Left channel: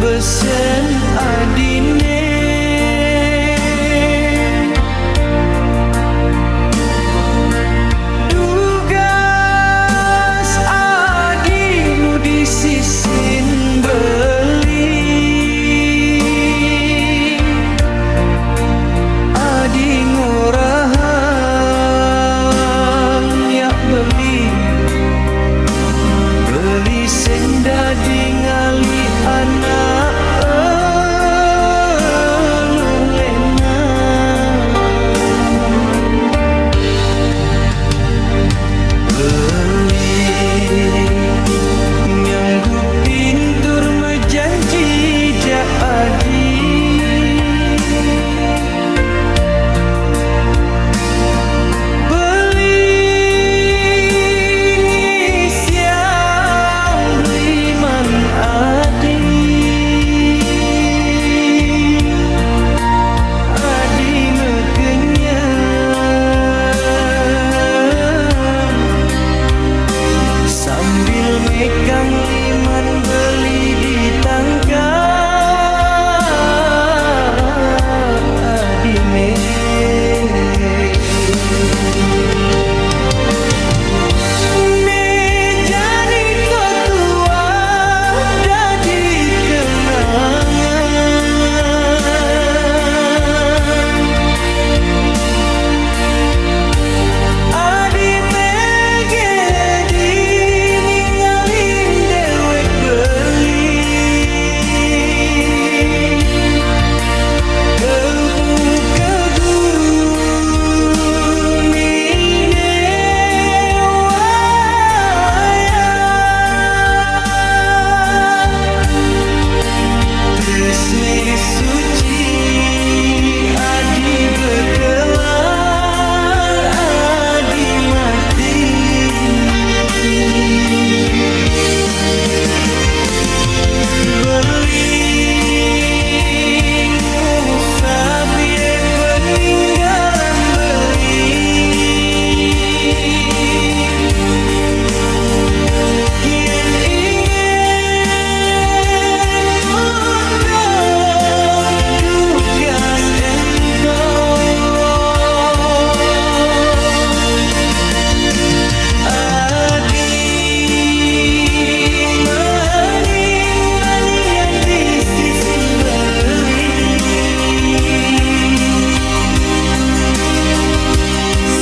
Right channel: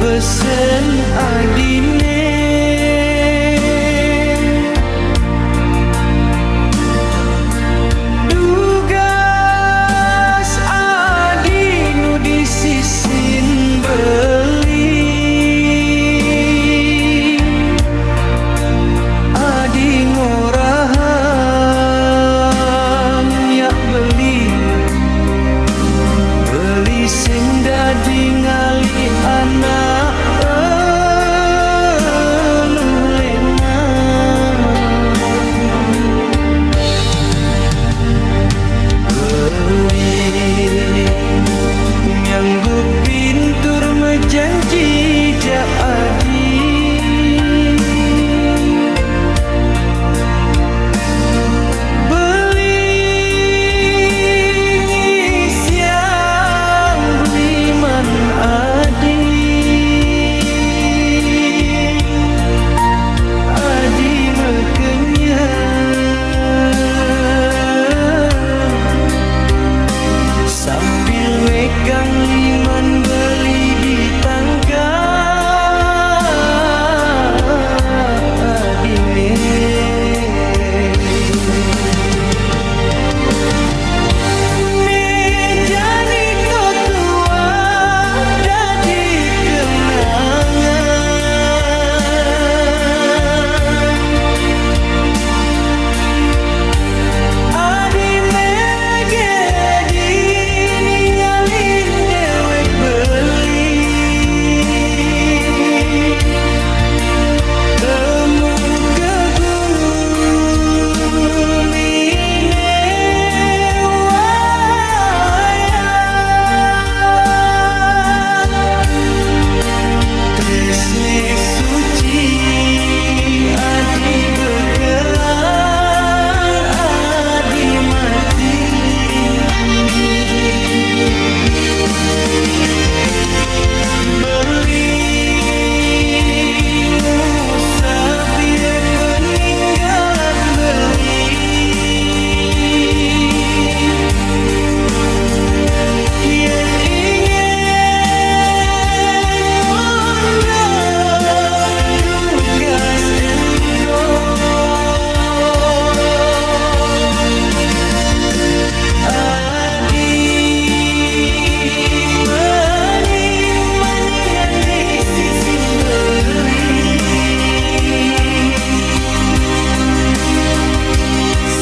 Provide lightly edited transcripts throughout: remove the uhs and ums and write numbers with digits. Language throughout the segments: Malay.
besen adine dugas adi nu disisin beli adi ngorahan ya beli sing dadi ngali anak lulena beli nyanggup pintur mejanji ja adi sambil megang liman beli di tangga adine nejani to tua dadi kenangan adi tresne suci adi bekelang adi mati beli ngusap ye peninggalan beli yen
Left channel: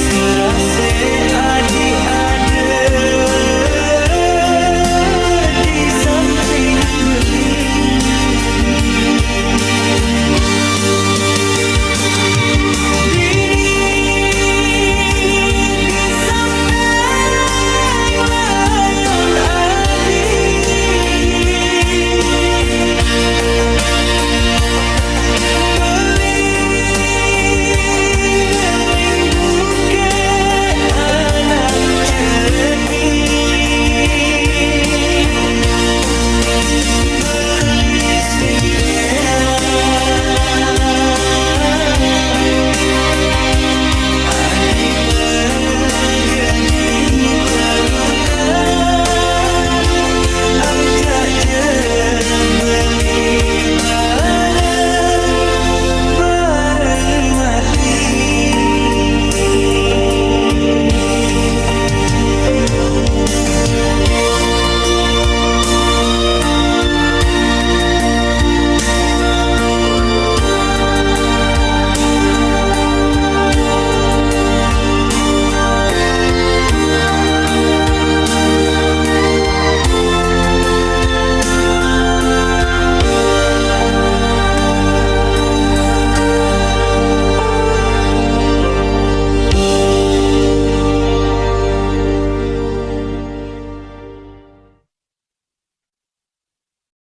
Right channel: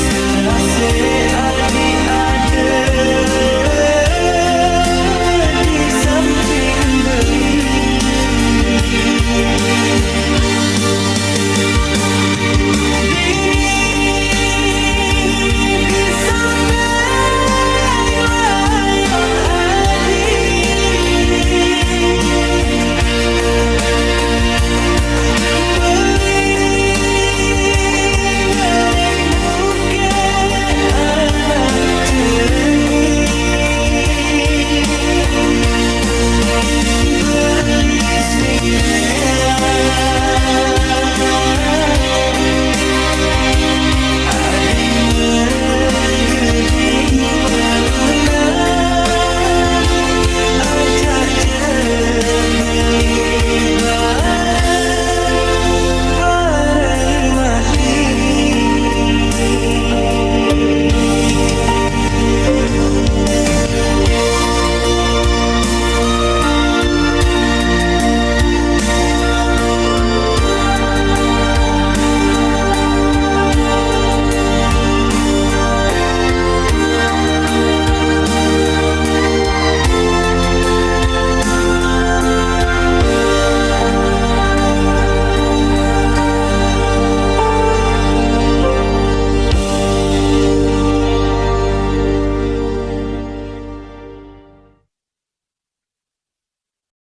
serase adi ada di samping beli dini di samping layon adi sing